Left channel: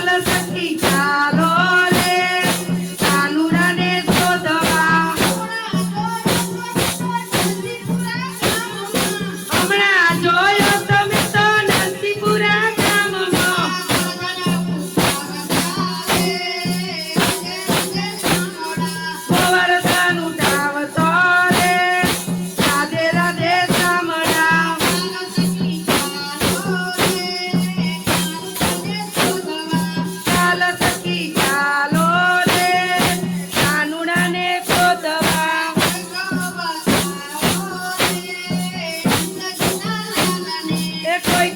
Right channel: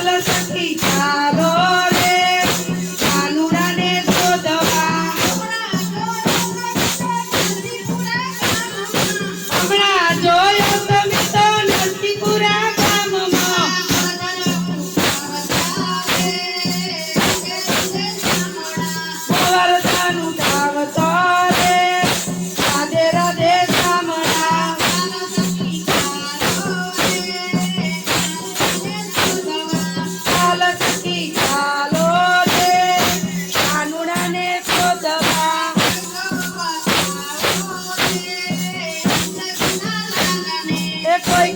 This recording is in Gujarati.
સખી ચાલો રે કાનુડાને શોધવા હમણાં જોયો તમે તો નરસિંહપુરા ગામમાં ગોવર્ધન ઉઠાવતો રે રાધે રાધે શામળા ચાલ સખી ચાલો રે કાનુડાને શોધવા એ કોઈ